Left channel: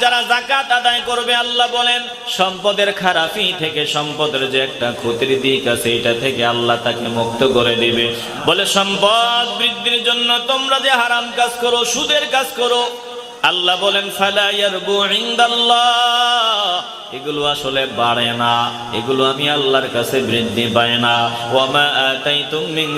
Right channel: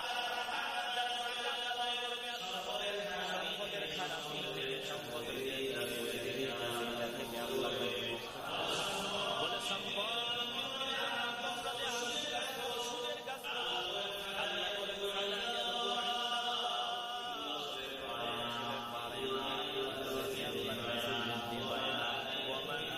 যারা জাকাত আদায় করবে, আল্লাহ বলেন, সম্পদের খারাপি থেকে সম্পদের যে একটা ক্ষতির দিক আছে, এটা থেকে আল্লাহ তাকে মুক্ত করে দিবে। বলে, সম্পদ বৃদ্ধির জন্য তোমরা যে হারাম কাজ করো, সুদের কাজ করো, আল্লাহ বলেন, ফালা ইয়ারবু ইনদাল্লাহ। এগুলো আসলে বাড়ে না। এগুলো আমি আল্লাহর কাছে বৃদ্ধি পায় না। ওয়ামা আতাইতুম মিন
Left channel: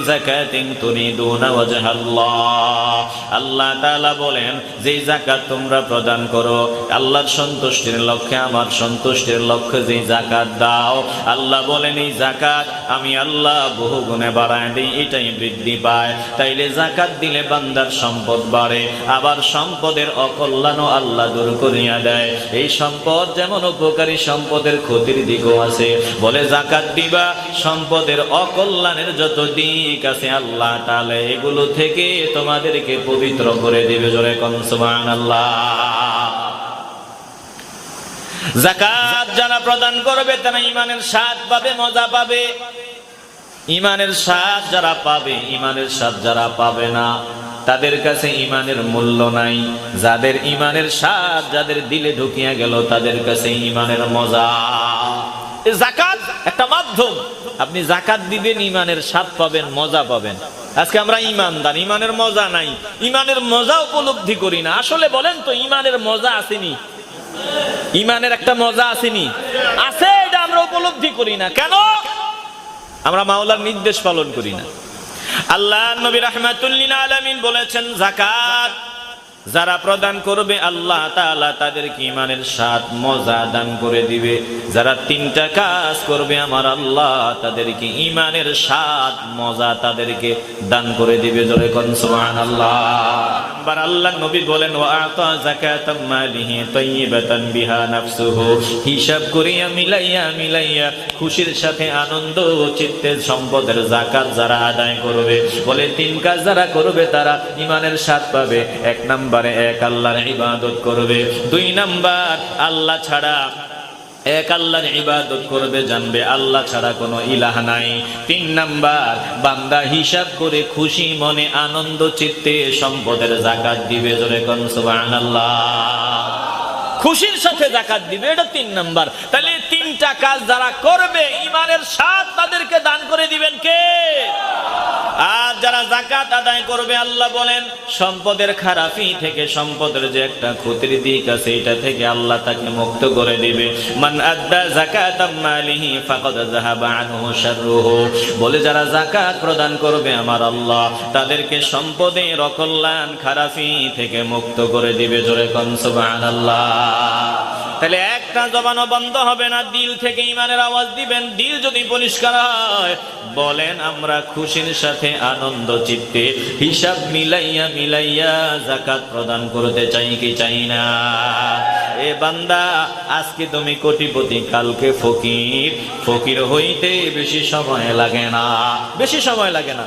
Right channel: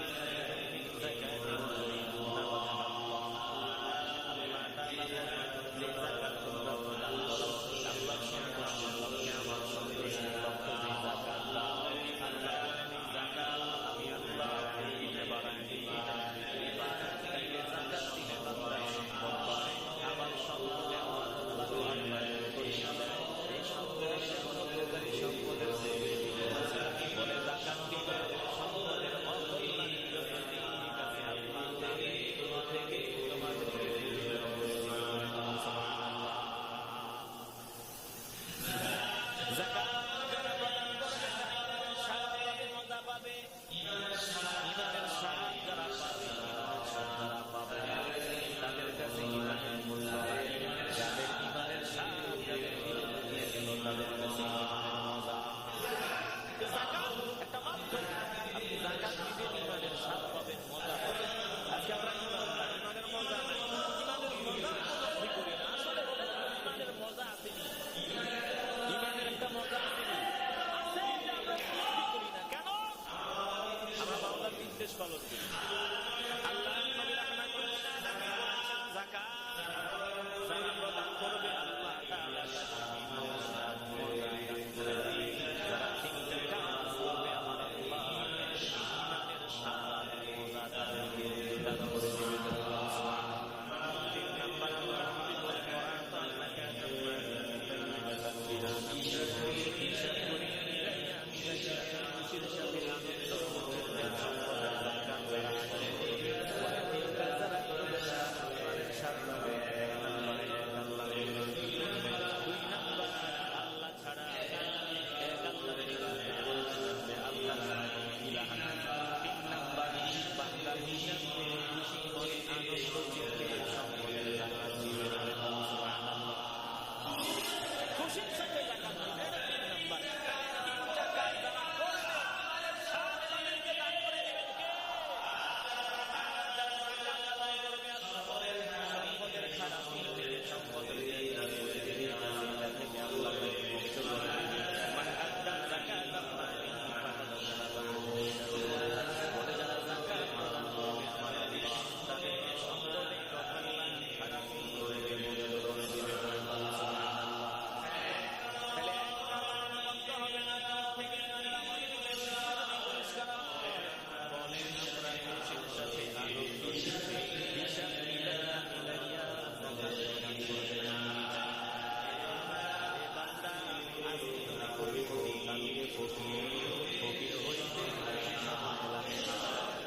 তুরিদুনা ওয়াজহাল্লাহ। আল্লাহ তাআলা বলেন, যে যাকাত তোমরা প্রদান করো, আল্লাহর সন্তুষ্টির লক্ষ্যে, আমার সন্তুষ্টির লক্ষ্যে যে যাকাত দাও, আল্লাহ বলেন, এই যাকাত আমি আল্লাহ বহু গুণে বাড়ায় দিই, এটাই বৃদ্ধি পায়। তাইলে যাকাত দিলে বান্দার সম্পদ বাড়ে, আবার সম্পদের অকল্যাণও আল্লাহ দূর করিয়া দেয়। এই সম্পদ যেমন উপকারী সম্পদের ক্ষতির দিকও আছে। বলে জাকাত দিবা, সম্পদের অকল্যাণের যত দিক আছে আল্লাহ তাহলে এগুলো থেকে তোমাদেরকে পবিত্র করে দিবে জোরে কনসমান আল্লাহ জাকাত যারা প্রদান করবে তারা ইমানের স্বাদ পাবে, মজা পাবে। ইমানের স্বাদ যারা পাবে ইমানের স্বাদ যারা পাবে না। তাদের কাছে ইমানের মূল্য নাই। যাদের ইমানের স্বাদ যাদের দিলে ঢুকিয়া গেল, তাদের কাছে ইমানের মজা। জাকাত একটা মাধ্যম। আপনি জাকাত দিবেন ইমানের স্বাদ পাবেন, মজা পাবেন। আজকে আমরা ইমানদার ইমানের মজা নাই। ইমানের মজা উপলব্ধি করি না। আসলে বলেন তো ইমানের মজা আসেনি? ইমানের একটা মজা আসেনি? আছে, এটা আমরা উপলব্ধি করি না। কেন? আমরা মাওলার নির্দেশ পালন করি না। আল্লাহ নবী রহমাতুল্লিন আলমিন বলেছেন জাকাত যারা প্রদান করবে, আল্লাহ তাআলা তাদেরকে ইমানের সাত মজা দান করে দিবে। যারা তিনটা কাজ করবে, আমার আল্লাহ তাদেরকে ইমানের সাত মজা তাদেরকে দান করে দিবে। জোরে কোন, সুবহানাল্লাহ। বার আল্লাহ নবী বলেন, ওয়া আতা যাকাতাম মালিহি তাইয়িবাতান বিহা নাফসুহু। হিসাব করিয়া মিলাইয়া মিলাইয়া খুশির সাথে আনন্দ চিত্তে সম্পদের জাকাত যারা আদায় করবে, বলে তিন কাজ যারা করবে তারা ইমানের স্বাদ পাবে। এক নম্বরে এক আল্লাহর ইবাদত করবে। দুই নাম্বার, আল্লাহ ছাড়া এক আল্লাহর ইবাদত করবে, জানবে আল্লাহ ছাড়া কোনো ইলাহ নাই। তিন নাম্বার, বান্দা হিসাব করে খুশি মনে আনন্দ, চিত্তে সম্পদের জাকাত দিবে জোরে কোন, সুবহানাল্লাহ। খুশির সাথে জাকাত দিবে, এটা তিন নাম্বার। তাহলে তিনটা কাজ যারা করবে ইমানের স্বাদ তাদেরকে দান করে দিবেন কে আর যারা জাকাত আদায় করবে, আল্লাহ বলেন, সম্পদের খারাপি থেকে সম্পদের যে একটা ক্ষতির দিক আছে, এটা থেকে আল্লাহ তাকে মুক্ত করে দিবে। মান আদ্দা জাকাত মালিহি ফাকাদ যাহাবা আনহু শাররুহু। বলে, যারা জাকাত প্রদান করবে আমার আল্লাহ, তাদেরকে সম্পদে অকল্যাণ খারাপি থেকে মুক্ত করে দিবে। জোরে কোন, সুবহানাল্লাহ। তাহলে একটা জবানও বন্ধ হবে না। দিল থেকে ইমানের আওয়াজ দিবেন। দিল যদি পরিষ্কার হয়, বলেন আমরা খুশির সাথে আনন্দ চিত্তে হিসাব মিলাইয়া মিলাইয়া জাকাত প্রদান করতে চাই কি চাই না। এ বান্দা, আজকে তুমি কোটিপতি, কালকে ফকির। ফকির হইতে বেশি সময় লাগে না। বেশি সময় লাগে না।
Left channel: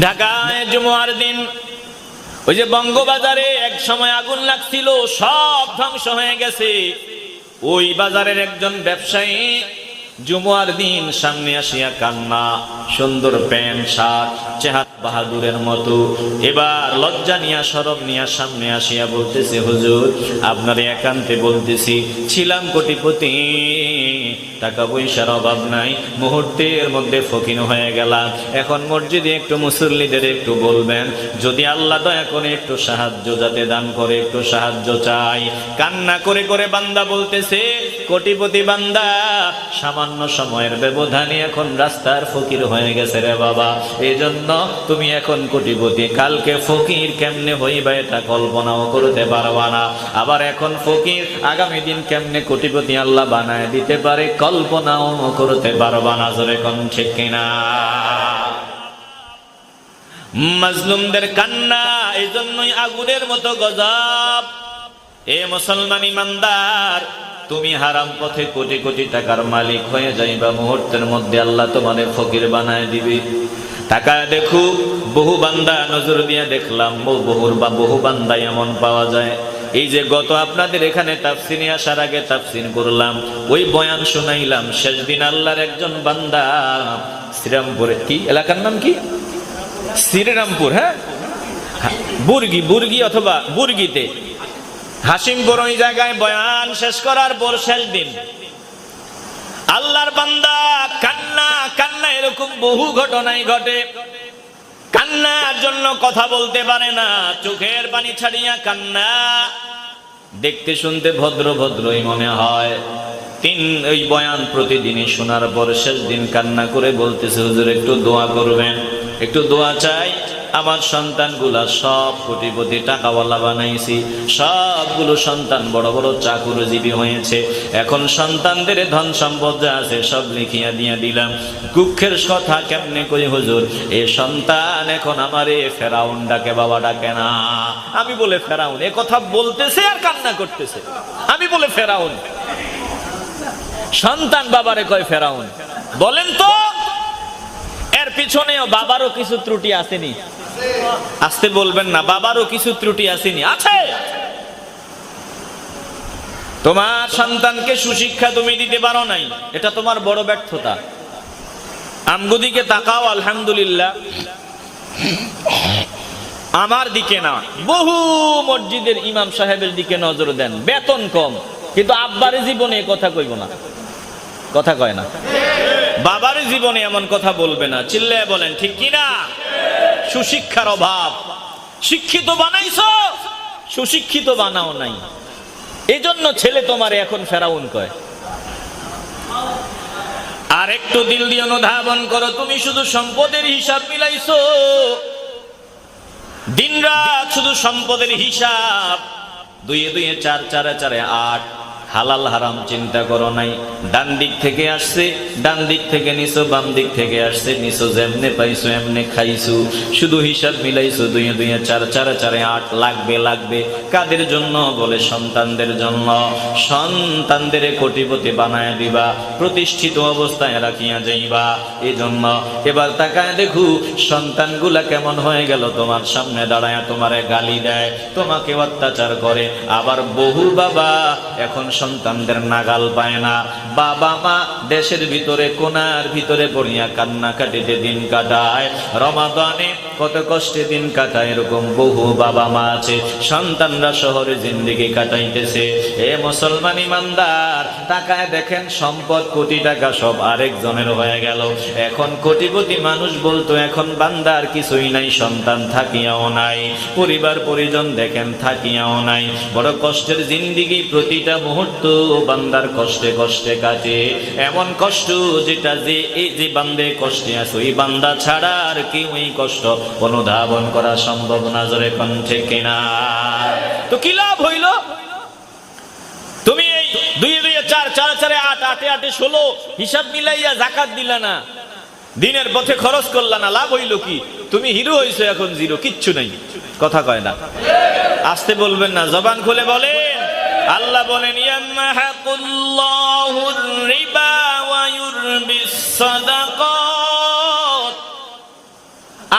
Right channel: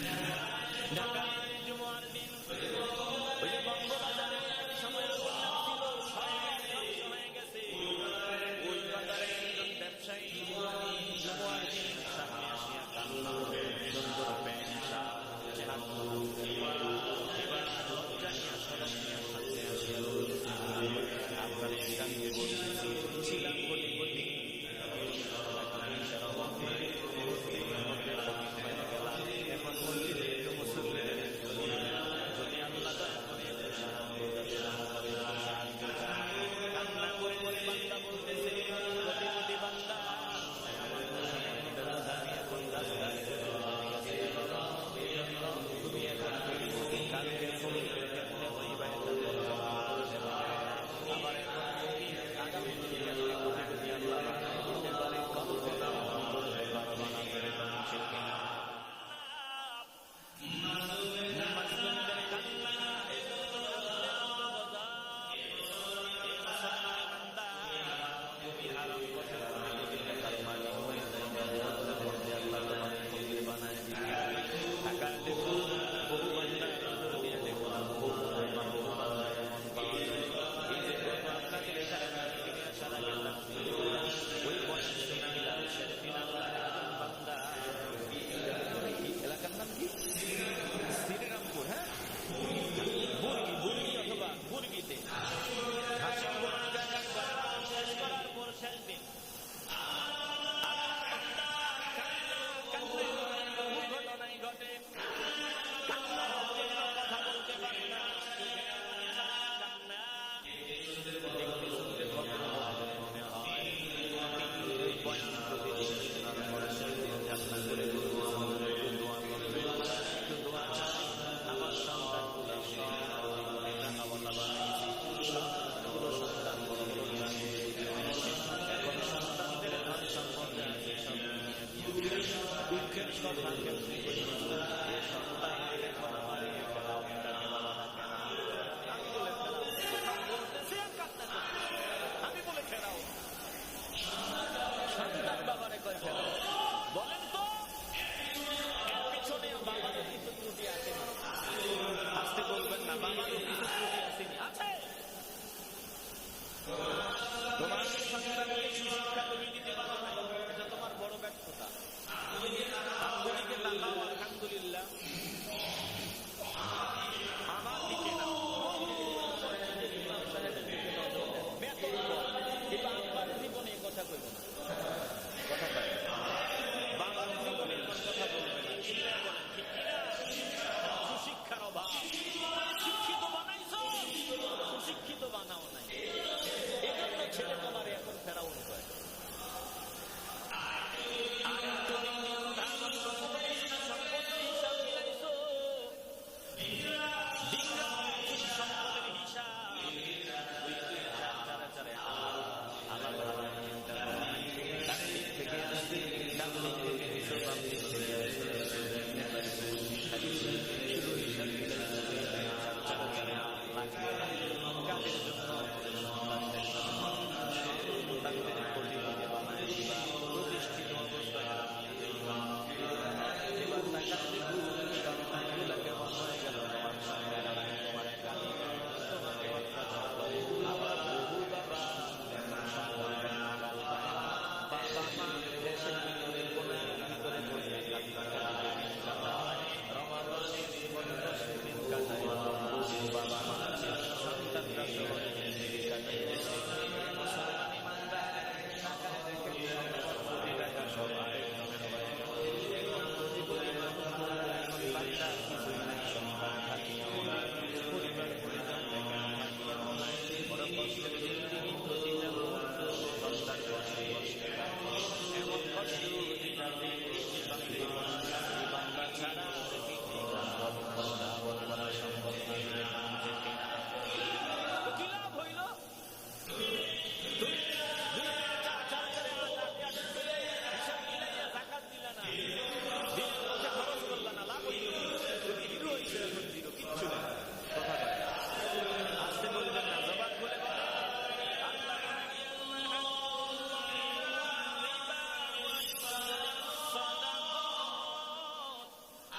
ঢাকায় জুমার দিন, ওই যে বঙ্গবাজারে এক সময় আগুন লাগছিল, সব ধ্বংস হয়ে গেছে। ওই বাজারের একজন ব্যবসায়ী জুমুয়ার দিন সামনে আসিয়া কান্না, সুন্দর প্যান্ট, শার্ট, চেহাত বাহাদুরের মতো। এবার লজ্জা নিয়া সরব নিয়া সামনে আসিয়া বলতেছে, হুজুর, আপনার একান্তে বলতেছি, ছিলাম কোটিপতি। টাকা পয়সার অভাব নাই। মুহূর্তের মধ্যে ফকিন হয়ে গেলাম। এখন মসজিদে একটু মুসল্লিদের একটু বলবেন, যদি আল্লাহ দয়া করে একটু সাহায্য যাতে দান করে, একটু সাহায্য চাই। কান্না করে করে বান্দা বলতেছে, কোটিপতি বান্দা, সামান্য সময়ের ব্যবধানে এখন রাস্তার ফকির হয়ে গেছে রে বাবা। এই জন্য তুমি এখন কোটিপতি। কালকে ফকির কেমনে হইবা এটা কল্পনাও করতে পারবা না। আবার এখন ফকির আগামী দিন কেমনে কোটিপতি আল্লাহ বানায় দিতে পারে কল্পনাও করতে পারবা না জোরে ঠিক কিনা? মাজলুমদের কান্না এই জন্যই আগুনের মতো গজব। এ মুসলমান ইমানদার, তুমি হারাম পথে কোটি কোটি টাকার মালিক হয়ে যাইবা। মুহূর্তের মধ্যে আল্লাহ তোমাদের ফকির বানায় দিবে। টাকা দেখু, বহু বান্দা নজর দিয়ে দেখলাম, বহু- বহুর বা বহু বান্দা এমন পাওয়া যায়। এই যে গত আপনাদের এখানে তাফসিনে আসার আগে তাফসিন করলাম, ওই বয়ান শুনাইলাম, শেষ দিন আল্লাহর একজন বান্দা শ্রীরামপুরে, কি এলাকার নাম কি? শ্রীরামপুর হ্যাঁ? বুর্গি বুর্গি অথবা বুর্গিতে। হাসিমপুর ওই জায়গায় বয়ান শেষ করার পর শেষ দিন। আল্লাহর বান্দা কান্না কান্না এরকম বহু ঘটনাই ঘটে। কান্নার জন্য কথা বলতে পারে না, চোখের পানি ছাড়িয়া কান্না। দেখতে শুনতে ভদ্র ভদ্রই মনে হয়। তিন ওই বয়ান প্রতিদিনই শোনার পর শেষ দিন কান্না করে বলতেছে, হুজুর, একটু দোয়া করবেন, একটু দোয়া চাই। আমার সন্তানগুলা সব কোটিপতি টাকাওয়ালা বানাইছি। সবগুলো সন্তান বড় বড় চাকুরজীবী হয়েছে। এখন সন্তানদের ধন সম্পদ যা আছে সব লিখিয়া দিয়া দিলাম। দুঃখের কথা কেমনে করি হুজুর? এ সন্তান এখন আমারে ফেরাউন ডাকে বাবা ডাকে না। আমি বলে ফেরাউন, এ কথা বলতেছে আর কান্না করতেছে। আমি বলে ফেরাউন। সন্তান বাবারে কয় ফেরাউন, বলেন তো, এর পিছনেও বাবারও কিছু ত্রুটি আসেনি। আসতে বলবেন না, বাবারও কিছু ত্রুটি আসেনি। আছে! তোমার সন্তানকে সুশিক্ষা তুমি দিতে পারো নাই, এটা তোমার বড় ব্যর্থতা। আমগুদিকে তাকাও, আলহামদুলিল্লাহ। আমার দিকে না, বহু মসজিদের ইমাম সাহেবের দিকে নজর দেন, বেতন কম। কিন্তু আব্বারে জীবনে কথা কইব না। কথা কয় না। বাবার জীবনে এমন কথা বলবে না। চিল্লে বলেন, ঠিক কি না সুশিক্ষার অভাব। শিক্ষিত বানাইছো? সুশিক্ষিত বানাও নাই। এজন্য ছেলে তোমার এখন ফেরাউন কয়। আর একটু দিল দিয়ে অনুধাবন করো, তুমি শুধু সম্পদের হিসাব মিলাইছো। দিনরাত শুধু সম্পদের হিসাব। দুয়ে দুয়ে চার, চারে চারে আট। হালাল হারাম চিন্তা করো নাই। ডান দিক থেকে আসছে, ডান দিক থেকে নিছো, বাম দিক থেকে আসছে, নিছো যেমনে পাইছো এমনে খাইছো। শুধু হিসাব মিলাইছো দুয়ে দুয়ে চার, চারে চারে আট, লাগবে লাগবে। কাদের জন্য? বলে সন্তানদের জন্য। সন্তানদের কোটিপতি বানায় দিবা, প্রতিষ্ঠিত অবস্থায় রাখিয়া যাইবা। এই জন্য এবার তাকায় দেখু, সন্তানগুলা কেমন হয়ে গেল? তোমার সামনে দাঁড়ায় তোমারে গালি দেয়, তোমাকে অত্যাচার করে। আবার বহু বাবা এখন সন্তানদের নাগাল পায় না। বাবা মা দেশের ভিতরে, কোনার ভিতরে পড়িয়া কান্নাকাটিতে দিন কাটায়, রমাদানে কত কষ্টে দিন কাটায়, এরকম বহু বাবা মা আছে। সন্তানরা শহরে জিন্দিগি কাটাইতেছে। এ মুসলমান ইমানদার টাকায় দেখেন সম্পদ, কোটি টাকা সব আরেকজনের হয়ে গেল। এখন কোটিপতি মানুষ বলতো, এখন বান্দার কিছুই নাই, সন্তান থাকিয়াও নাই। পরিবার পরিজন দেখেন থাকিয়াও নাই। বড় কষ্টের জিন্দিগি প্রতিটা মুহূর্ত বান্দার কষ্টে কষ্টে কাটে। এমন কষ্ট যেটা যে এই যে বান্দে কষ্টে আছে ওই বান্দা ছাড়া আর কি ওই কষ্ট অনুধাবন করা সম্ভব না জোরে কণ্ঠে কিনা। তো কি লাভ হইল? তুমি এই দুই দুই, চার চার, চারে আট, আটে আটে, ষোলো হিসাব মিলাইয়া জাকাত দিলা না। দিনের পথে খরচ করলা না, লাভ হইল কি? তুমি হিরো হইছো এখন জিরো, কিচ্ছু নাই। কথা কয় না। আসতে বলবেন না, জবান খুলে বলেন। আল্লাহ বলেন রিবা ওয়া ইউরবিস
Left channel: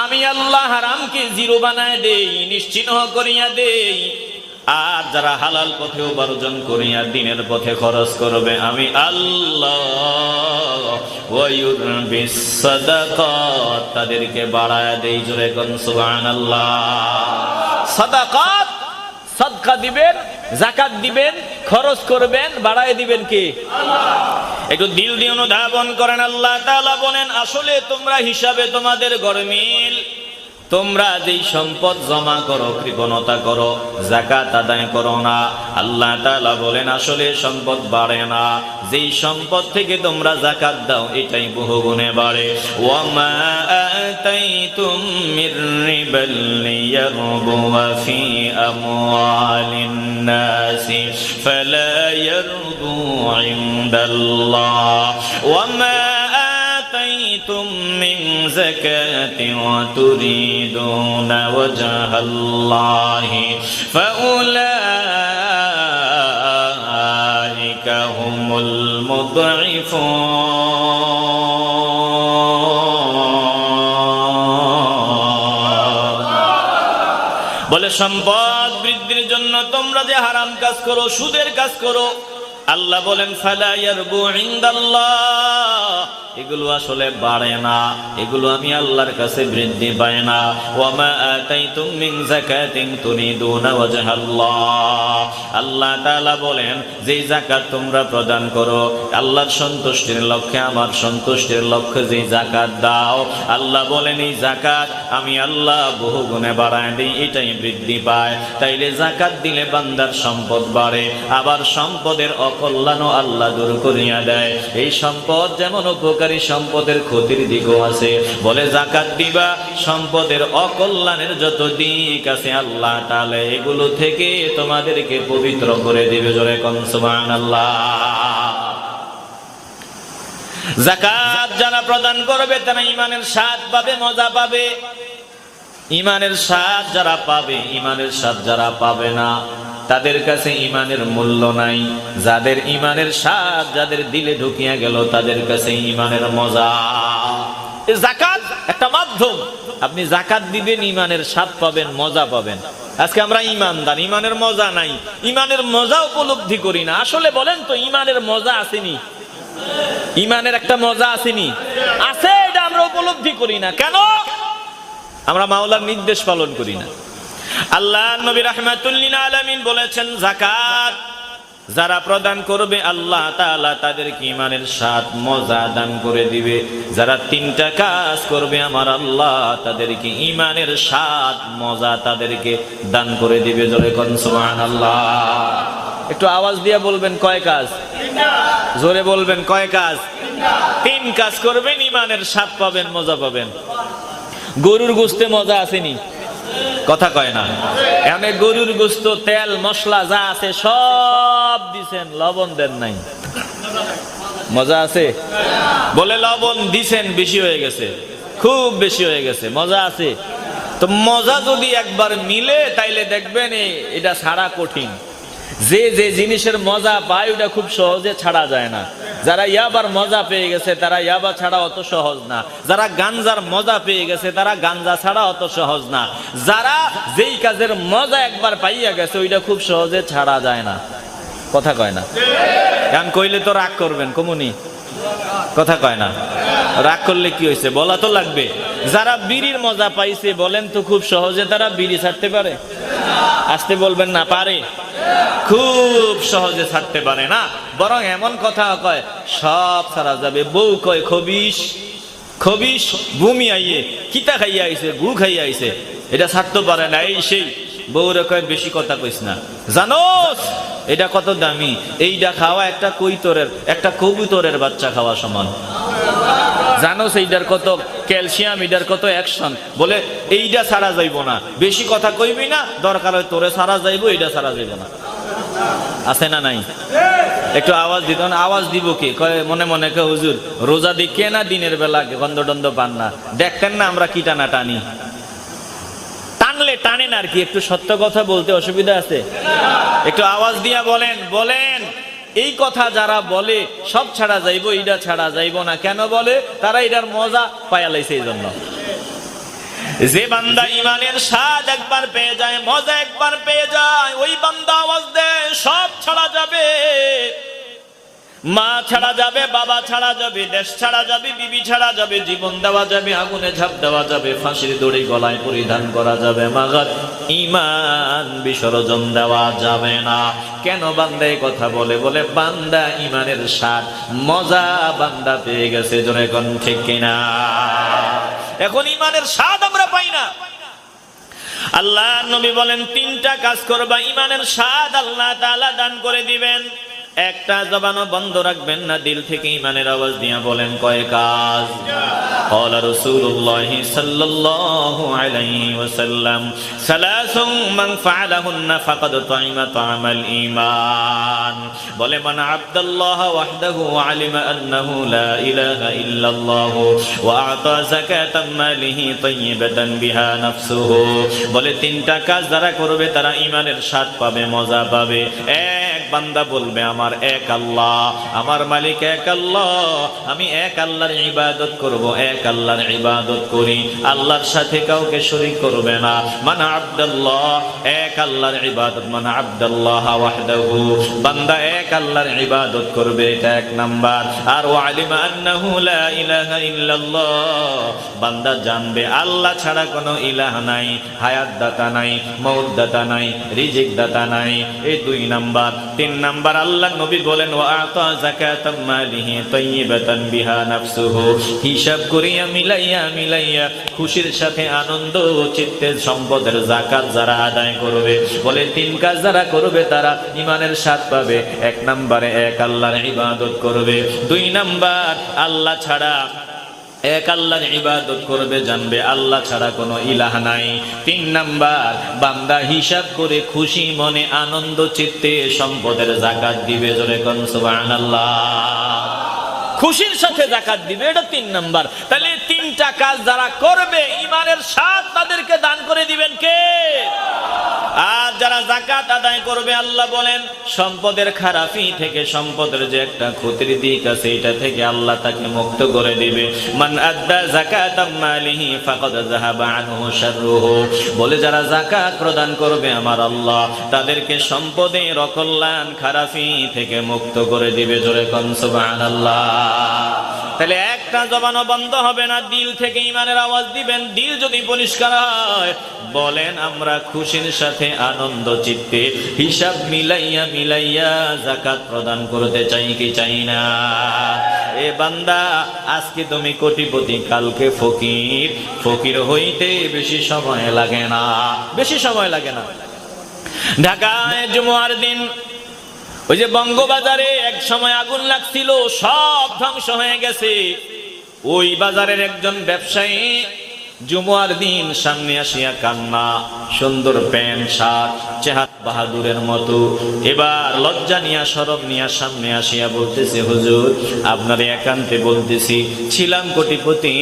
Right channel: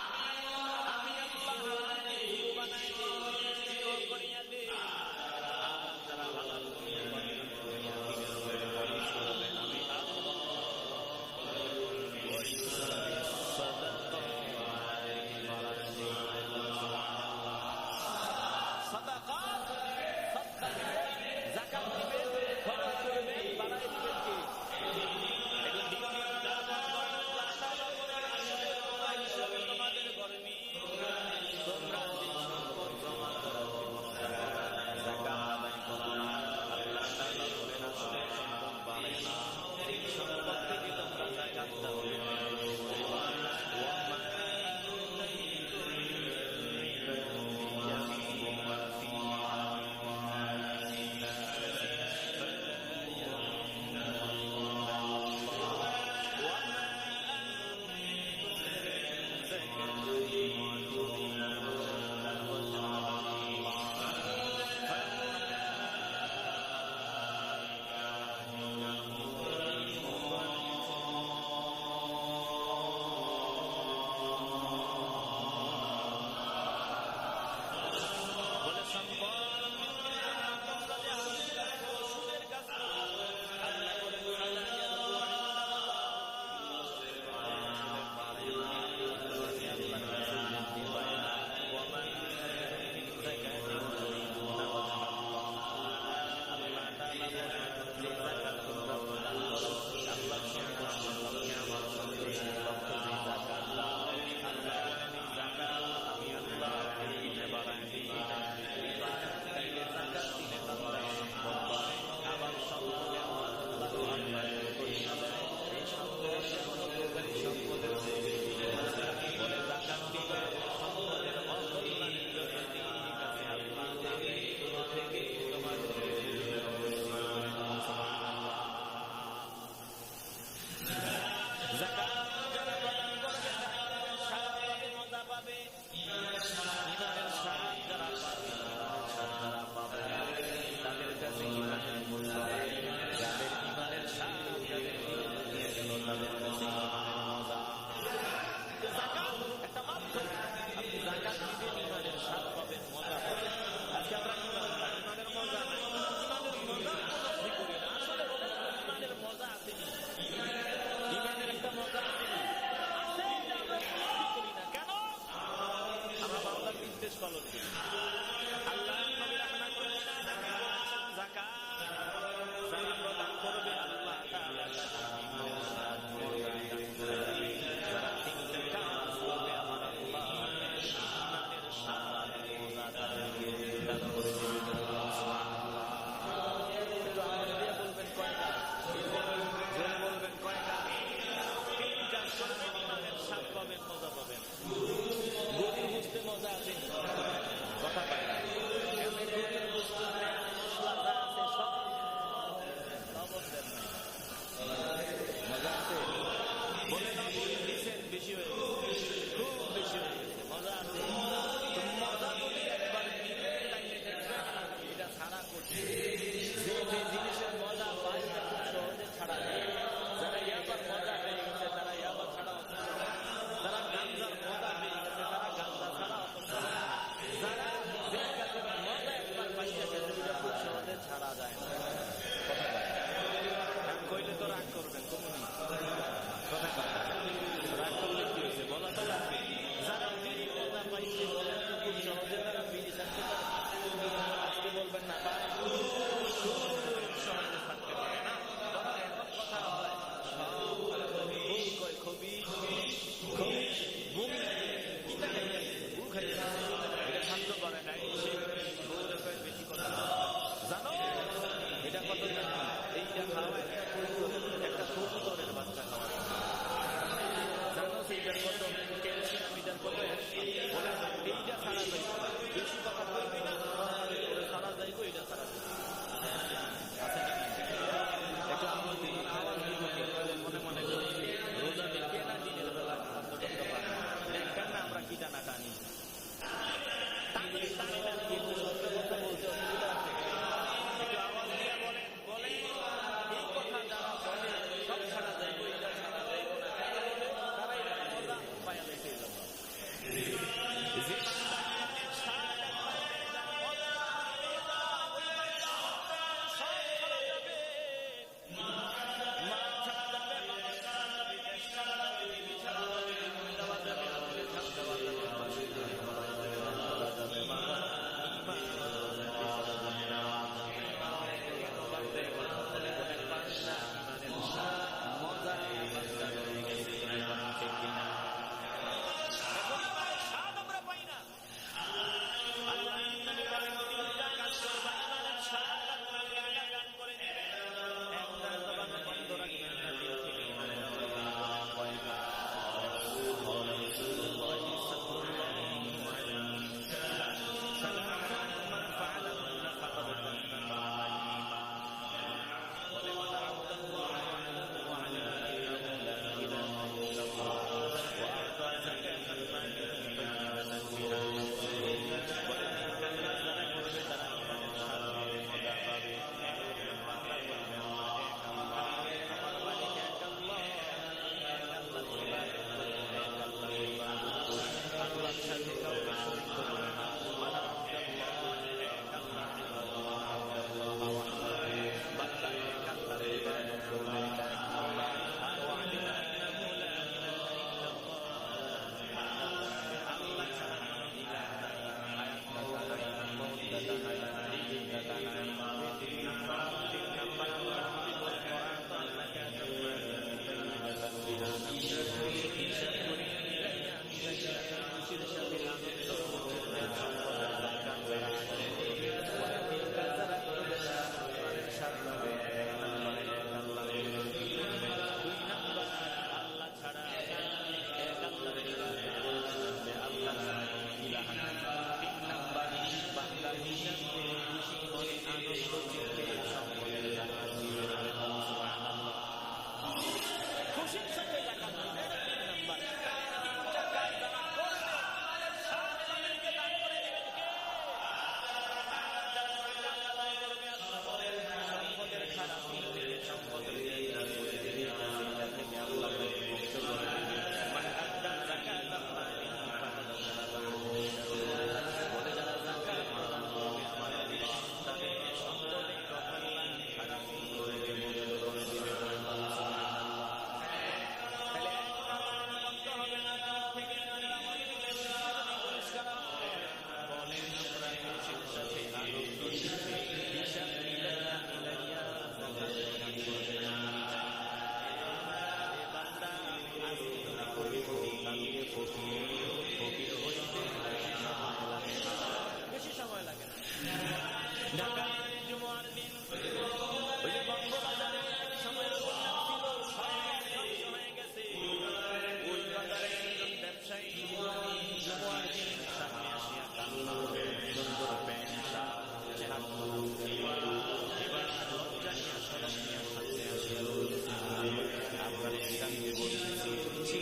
আমি আল্লাহ হারামকে জিরো বানায় দেই, নিশ্চিহ্ন করিয়া দেই, আর যারা হালাল পথে উপার্জন করিয়া দিনের পথে খরচ করবে, আমি আল্লাহ তাদেরকে বাড়ায় দেই জোরে কোন, সুবহানাল্লাহ। সাদাকাত, সাদকা দিবেন জাকাত দিবেন, খরচ করবেন, বাড়ায় দিবেন কি? একটু দিল দিয়ে অনুধাবন করেন, আল্লাহ তাআলা বলেন, আসলে তোমরা হিসাবে তোমাদের গরমিল তোমরা যেই সম্পদ জমা করো, কৃপণতা করো, জাকাত আদায় করো না। আল্লাহ তাআলা বলেন, আসলে সম্পদ বাড়ে না। যেই সম্পদ থেকে তোমরা জাকাত দাও, এটাই বহু গুণে বাড়ে। ওয়ামা আতাইতুম মির রিবাল লিয়ারবুয়া ফি আমওয়ালিন। নাসি ফালা ইয়ারবু ইনদাল্লাহ ওয়ামা آتيتم من زكاة وتريدون وجه الله فأولئك هم المضعفون বলে সম্পদ বৃদ্ধির জন্য তোমরা যে হারাম কাজ করো সুদের কাজ করো আল্লাহ বলেন ফালা ইয়ারবু এগুলো আসলে বাড়ে না। এগুলো আমি আল্লাহর কাছে বৃদ্ধি পায় না। ওয়ামা আতাইতুম যাকাতিন ওয়াজহাল্লাহ। আল্লাহ তাআলা বলেন যে যাকাত তোমরা প্রদান করো, আল্লাহর সন্তুষ্টির লক্ষ্যে, আমার সন্তুষ্টির লক্ষ্যে যে যাকাত দাও, আল্লাহ বলেন, এই যাকাত আমি আল্লাহ বহু গুণে বাড়ায় দিই, এটাই বৃদ্ধি পায়। তাইলে যাকাত দিলে বান্দার সম্পদ বাড়ে, আবার সম্পদের অকল্যাণও আল্লাহ দূর করিয়া দেয়। এই সম্পদ যেমন উপকারী সম্পদের ক্ষতির দিকও আছে। বলে জাকাত দিবা, সম্পদের অকল্যাণের যত দিক আছে আল্লাহ তাহলে এগুলো থেকে তোমাদেরকে পবিত্র করে দিবে জোরে কনসুমান আল্লাহ জাকাত যারা প্রদান করবে, তারা ইমানের স্বাদ পাবে, মজা পাবে। ইমানের স্বাদ যারা পাবে ইমানের স্বাদ যারা পাবে না তাদের কাছে ইমানের মূল্য নাই। যাদের ইমানের স্বাদ যাদের দিলে ঢুকিয়া গেল, তাদের কাছে ইমানের মজা। জাকাত একটা মাধ্যম। আপনি জাকাত দিবেন, ইমানের স্বাদ পাবেন, মজা পাবেন। আজকে আমরা ইমানদার, ইমানের মজা নাই। ইমানের মজা উপলব্ধি করি না। আসলে বলেন তো, ইমানের মজা আসেনি? ইমানের একটা মজা আসেনি? আছে, এটা আমরা উপলব্ধি করি না। কেন? আমরা মাওলার নির্দেশ পালন করি না। আল্লাহ নবী রহমাতুল্লিন আলামিন বলেছেন জাকাত যারা প্রদান করবে, আল্লাহ তাআলা তাদেরকে ইমানের স্বাদ, মজা দান করে দিবে। যারা তিনটা কাজ করবে, আমার আল্লাহ তাদেরকে ইমানের স্বাদ, মজা তাদেরকে দান করে দিবে। জোরে কোন সুবহানাল্লাহ। একটু আওয়াজ দিয়ে বলবেন, কয় কাজ? জোরে বলবেন, কয় কাজ? তিন কাজ করবেন ইমানের স্বাদ পাবেন, মজা পাবেন। গরুর গোস্তে মজা আসেনি? কথা কয় না। এখানে গরুর গোস্ত, তেল, মশলা যা আছে সব দিছেন, লবণ দেন নাই। মজা আছে? বলে লবণ দিছেন, বেশি হয়ে গেছে। খুব বেশি হয়ে গেছে, মজা আছে? তো মজা যদি একবার মিলে, তাইলে দেখবেন এটা ছাড়া কঠিন। যে যে জিনিসের মজা পায়, ওটা খুব সহজে ছাড়া যায় না। যারা ইয়াবার মজা পেয়ে গেছে, তারা ইয়াবা ছাড়া অত সহজ না। যারা গাঞ্জার মজা পেয়ে গেছে, তারা গাঞ্জা ছাড়া অত সহজ না। যারা যেই কাজের মজা একবার পাইয়া গেছে, ওইটা খুব সহজে ছাড়া যায় না। কথা কয় না? গান কইলে তো রাগ করবেন, কমুনি। কথা কয় না? রাগ করলে কি হয়েছে? বলা তো লাগবে। যারা বিড়ির মজা পাইছে, বলেন তো খুব সহজে তারা বিড়ি ছাড়তে পারে। আসতে বলবেন না, পারে। খুব সহজে ছাড়তে পারে না। বরং এমন কথা কয়, সব ছাড়া যাবে। বউ কয় খবিস খবিস ভূমি আইয়ে, কিতা খাইয়া আইছে, গু খাইয়া আইছে। এটা ছাড়তে পারে না, এই সেই। বউরে কয়, বেশি কথা কইস না। জানোস, এটা কত দামি। এইটা খাওয়া একটা কৈতরের, একটা কবুতরের বাচ্চা খাওয়া সমান। জানো সেইটার কত ক্যালসিয়াম এটার কত অ্যাকশন। বলে এইটা ছাড়া যাইব না। বেশি কথা কইবি না, দরকার হয় তোরে ছাড়া যাইব এইটা ছাড়া যাইব না। আছে না নাই? একটু আওয়াজ দিত আওয়াজ দিব কি? মনে মনে কে হুজুর, রোজা দিকে না দিনের বেলা গন্ধ টন্ধ পান না। দেখতেন না আমরা কি টানা টানি? টানলে টানেন আর কি? একটু সত্য কথা বলতে অসুবিধা আছে? একটু আওয়াজ দিয়া বলেন বলেন। এই কথা যারা বলে, সব ছাড়া যাইব এইটা ছাড়া যাইব না। কেন বলে? তারা এটার মজা পায়ালাইছে এই জন্য যে বান্দা ইমানের স্বাদ একবার পেয়ে যায়, মজা একবার পেয়ে যায়, ওই বান্দা আওয়াজ দেয়, সব ছাড়া যাবে। মা ছাড়া যাবে, বাবা ছাড়া যাবে, দেশ ছাড়া যাবে, বিবি ছাড়া যাবে, জীবন দেওয়া যাবে, আগুনে ঝাঁপ দেওয়া যাবে, ফাঁসির দড়ি গলায় পরিধান করা যাবে, মাগার ইমান বিসর্জন দেওয়া যাবে না। কেন বান্দা এই কথা বলে? বলে, বান্দা ইমানের স্বাদ, মজা বান্দা পেয়ে গেছে জোরে কোন ঠিক কিনা। এখন ইমানের স্বাদ আমরা পাই না। আল্লাহ নবী বলেন, তিনটা কাজ করবা। ইমানের স্বাদ আল্লাহ দান করে দিবেন। একটা জবানও বন্ধ রাখবেন না দিল থেকে ইমানের আওয়াজ দিয়া বলেন কয় কাজ قال رسول الله صلى الله عليه وسلم ثلاث من فعلهن فقد طعم طعم الإيمان বলে মান আব্দাল্লাহ ওয়াহদাহু وعلم أنه لا إله إلا الله وأعطى زكاة ماله طيبة بها نفسه বলে তিনটা কাজ যারা করবে তারা ইমানের স্বাদ পাবে মজা পাবে এক বান্দা বলবে, আমার এক আল্লাহ, আমার মালিক এক আল্লাহ, আমি এক আল্লাহর ইবাদত করব, এক আল্লাহর ইবাদত করি। আল্লাহর সাথে কাউকে শরীক করবে না। মানে আব্দুল্লাহ, এক আল্লাহর ইবাদত। মানে আব্দুল্লাহ ওয়াহদাহু, বান্দা এক আল্লাহর ইবাদত করবে, এটা এক নাম্বার। আর ওয়ালিমা আন্নাহু লা ইলাহা ইল্লাল্লাহ, বান্দা জানবে, আল্লাহ ছাড়া কোনো ইলাহ নাই হায়াত দাতা নাই মৌত দাতা নাই রিজিক দাতা নাই, এই দুই নাম্বার। তিন নাম্বার, আল্লাহ নবী বলেন, ওয়া আতা যাকাতাম মালিহি তাইয়িবাতান বিহা নাফসুহু। হিসাব করিয়া মিলাইয়া মিলাইয়া খুশির সাথে আনন্দ চিত্তের সম্পদের জাকাত যারা আদায় করবে, বলে তিন কাজ যারা করবে তারা ইমানের স্বাদ পাবে। এক নম্বরে এক আল্লাহর ইবাদত করবে। দুই নাম্বার, আল্লাহ ছাড়া এক আল্লাহর ইবাদত করবে, জানবে আল্লাহ ছাড়া কোনো ইলাহ নাই। তিন নাম্বার, বান্দা হিসাব করে খুশি মনে আনন্দ, চিত্তে সম্পদের জাকাত দিবে জোরে কোন, সুবহানাল্লাহ। খুশির সাথে জাকাত দিবে, এটা তিন নাম্বার। তাহলে তিনটা কাজ যারা করবে ইমানের স্বাদ তাদেরকে দান করে দিবেন কে? আর যারা জাকাত আদায় করবে, আল্লাহ বলেন, সম্পদের খারাপি থেকে সম্পদের যে একটা ক্ষতির দিক আছে, এটা থেকে আল্লাহ তাকে মুক্ত করে দিবে। মান আদ্দা জাকাত মালিহি ফাকাদ যাহাবা আনহু শাররুহু। বলে, যারা জাকাত প্রদান করবে আমার আল্লাহ, তাদেরকে সম্পদের অকল্যাণ খারাপি থেকে মুক্ত করে দিবে। জোরে কোন, সুবহানাল্লাহ। তাহলে একটা জবানও বন্ধ হবে না, দিল থেকে ইমানের আওয়াজ দিবেন, দিল যদি পরিষ্কার হয়, বলেন আমরা খুশির সাথে আনন্দ চিত্তে হিসাব মিলাইয়া মিলাইয়া জাকাত প্রদান করতে চাই কি চাই না। এ বান্দা, আজকে তুমি কোটিপতি, কালকে ফকির। ফকির হইতে বেশি সময় লাগে না। বেশি সময় লাগে না। ঢাকায় জুমার দিন, ওই যে বঙ্গবাজারে এক সময় আগুন লাগছিল, সব ধ্বংস হয়ে গেছে। ওই বাজারের একজন ব্যবসায়ী জুমার দিন সামনে আসিয়া কান্না, সুন্দর প্যান্ট, শার্ট চেহাত বাহাদুরের মতো। এবার লজ্জা নিয়া সরব নিয়া সামনে আসিয়া বলতেছে, হুজুর, আপনার একান্তে বলতেছি, ছিলাম কোটিপতি।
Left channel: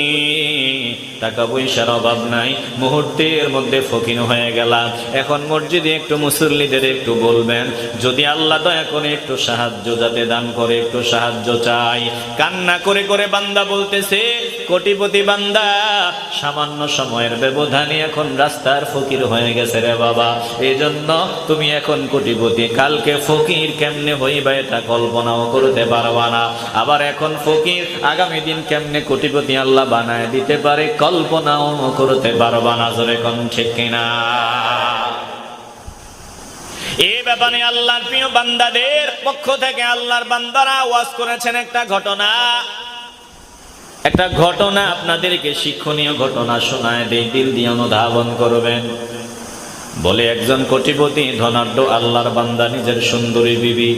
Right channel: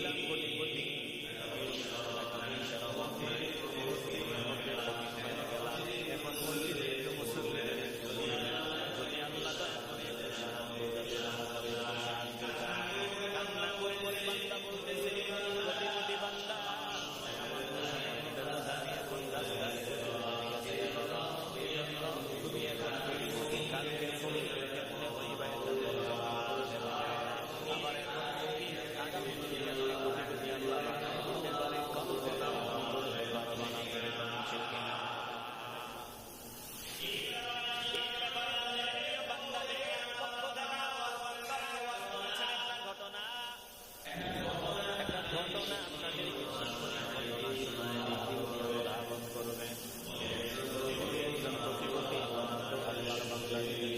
টাকা পয়সার অভাব নাই। মুহূর্তের মধ্যে ফকিন হয়ে গেলাম। এখন মসজিদে একটু মুসল্লিদের একটু বলবেন, যদি আল্লাহ দয়া করে একটু সাহায্য যাতে দান করে, একটু সাহায্য চাই। কান্না করে করে বান্দা বলতেছে, কোটিপতি বান্দা, সামান্য সময়ের ব্যবধানে এখন রাস্তার ফকির হয়ে গেছে রে বাবা। এই জন্য তুমি এখন কোটিপতি। কালকে ফকির কেমনে হইবা এটা কল্পনাও করতে পারবা না। আবার এখন ফকির আগামী দিন কেমনে কোটিপতি আল্লাহ বানায় দিতে পারে কল্পনাও করতে পারবা না জোরে কোন ঠিক কিনা? ব্যাপারে আল্লাহর প্রিয় বান্দাদের পক্ষ থেকে আল্লাহর বান্দারা ওয়াজ করেছেন একটা ঘটনা। একটা ঘটনা আপনাদেরকে শিক্ষণীয় ঘটনা শোনায় দিল দিয়ে অনুধাবন করবেন। বলে একজন কোটিপতি ধনাঢ্য আল্লাহর বান্দা, নিজের সুন্দরী বিবি।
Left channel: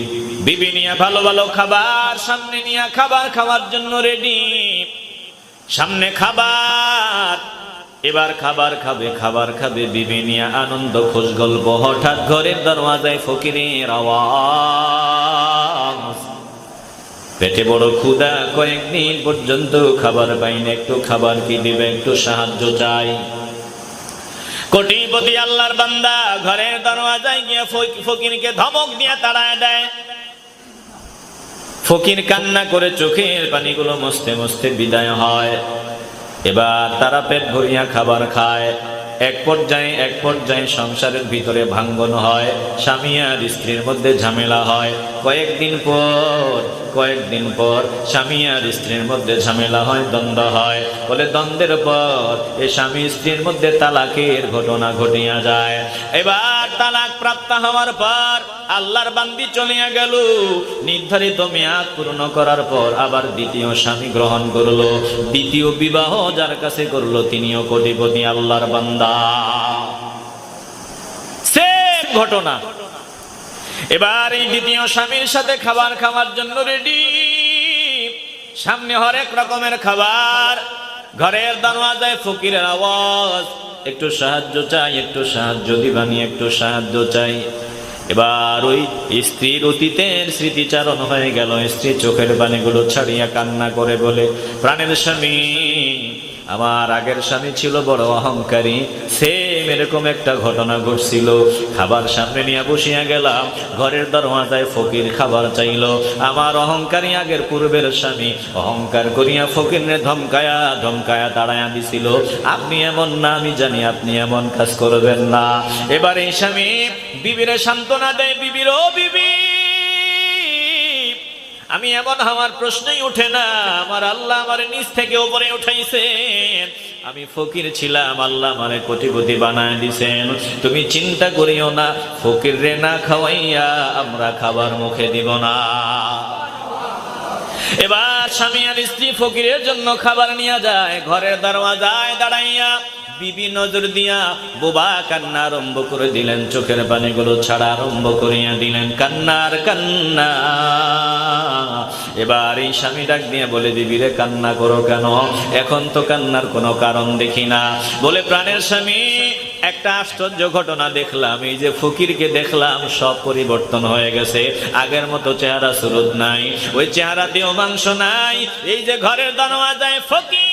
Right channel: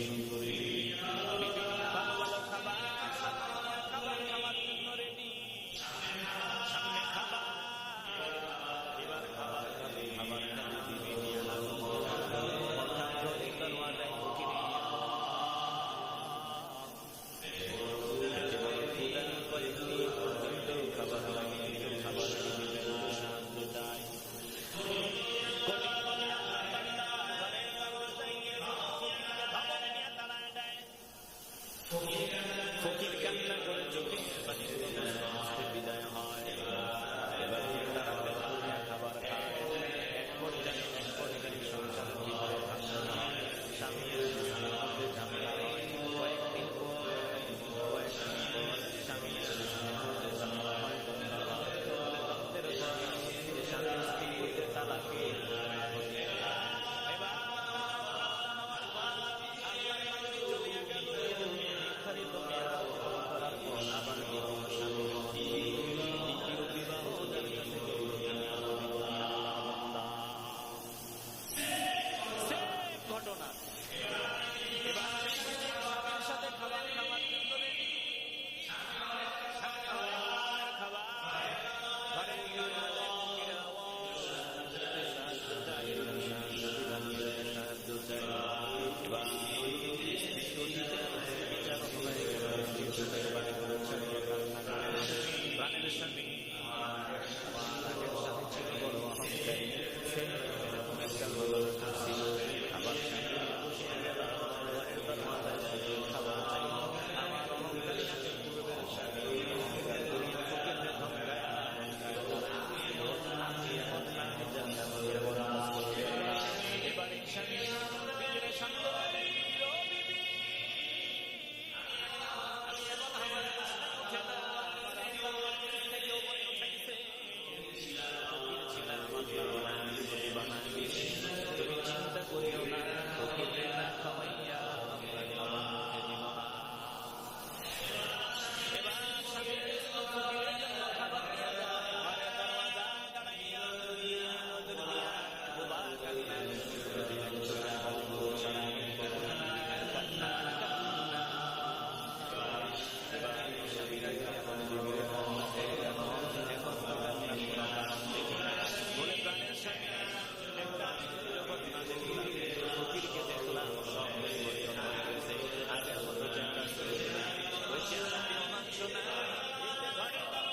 বিবি নিয়ে ভালো ভালো খাবার, সামনে নিয়ে খাবার খাওয়ার জন্য রেডি সামনে খাবার। এবার খাবার খাবে খাবার খাবে, বিবি নিয়ে আনন্দ খোঁজ গল্প, হঠাৎ ঘরের দরওয়াজায় ফকিরের আওয়াজ। পেটে বড় ক্ষুদা কয়েকদিন পর্যন্ত খাবার পাইনি, একটু খাবার কি দিবে, একটু সাহায্য চাই। কোটিপতি আল্লাহর বান্দা ঘরের দরওয়াজায় গিয়ে ফকিরকে ধমক দিয়ে তাড়ায় দেয়। ফকির কান্না করে চোখের পানিগুলো মস্তে মস্তে বিদায় হয়। এবার তারা পেট ভরিয়া খাবার খায়। এক পর্যায়ে এক পর্যায়ে সংসারের ভিতরে ভাঙ্গন হয়। স্বামী আর স্ত্রীর মধ্যে ঝামেলা হয়। কয়েকদিন পর কয়েকদিন পর স্বামী আর স্ত্রীর মধ্যে ঝামেলা হয়, দ্বন্দ্ব হয়। বলে দ্বন্দ্বের পর এ স্বামী স্ত্রীর মধ্যে তালাকের ঘটনা ঘটিয়া যায়। এবার তালাক প্রাপ্ত হওয়ার পর আল্লাহর বান্দি চলিয়া গেল। নির্ধারিত মেয়াদ পূর্ণ করার পর আবার দ্বিতীয় স্বামী গ্রহণ করল। দ্বিতীয় বিবাহ যার কাছে করল তিনিও কোটিপতি আল্লাহর বান্দা। সেম ঘটনা। এবার এই দ্বিতীয় স্বামীর সাথে খাবার খাওয়ার জন্য রেডি সামনে হরেক রকমের খাবার। ঘরের দরওয়াজায় ফকিরের আওয়াজ। একটু সাহায্য চাই, একটু সাহায্য দিবানি, একটু সাহায্য চাই। এবার ওই স্ত্রীর অতীতের স্মৃতিচারণ হয়ে গেল। স্ত্রী চোখের বাণীগুলো ছাড়িয়া কান্না করে বলে, প্রাণের স্বামী, আমার আগের স্বামী ছিল বড় অহংকারী। সেম এরকম একটা ঘটনা ঘটছিল। খাবার সামনে নিয়ে বসিয়া গেলাম। ঘরের দরওয়াজায় ফকির খাবার চাইল। আমার অহংকারী আগের পূর্বের স্বামী অহংকার করিয়া ফকিরে ধমকায়া ধমকায়া দাঁড়ায় দিছিল। আপনি এমন না, আমি জানি আপনি এমন কাজ করবেন না। এবার এই স্বামী, বিবিরে সান্ত্বনা দেয়, বিবির ও বিবি। আমি এমন আমার প্রশ্নই উঠে না। আমার আল্লাহ আমার নিচ থেকে উপরে উঠাইছেন। আমি ফকির ছিলাম, আল্লাহ আমারে কোটিপতি বানায় দিছেন। তুমি চিন্তা করিও না ফকির রে না খাওয়াইয়া আমরা খাবার মুখে দিব না। এবার স্বামী আর স্ত্রী ফকিরের জন্য খাবার নিয়ে যায়, ঘরের দরওয়াজায় দাঁড়াইয়া বিবি নজর দিয়া বোবা কান্না আরম্ভ করে দিলেন, চোখের পানিগুলো ছাড়া আরম্ভ করিয়া দিলেন, কান্নার কান্না। এবার এই স্বামী ডাক দিয়ে বলে দিবি রে, কান্না করো কেন? এখন তো কান্নার কোনো কারণ দেখি না। বলে, প্রাণের স্বামী, একটা আশ্চর্য ঘটনা দেখলাম। এই যে ফকিরকে দেখলাম, সব পরিবর্তন হয়ে গেছে। আগের মতো চেহারা সুরত নাই, ওই চেহারাতেও মাংস নাই। এই যে ঘরের দরওয়াজায় ফকির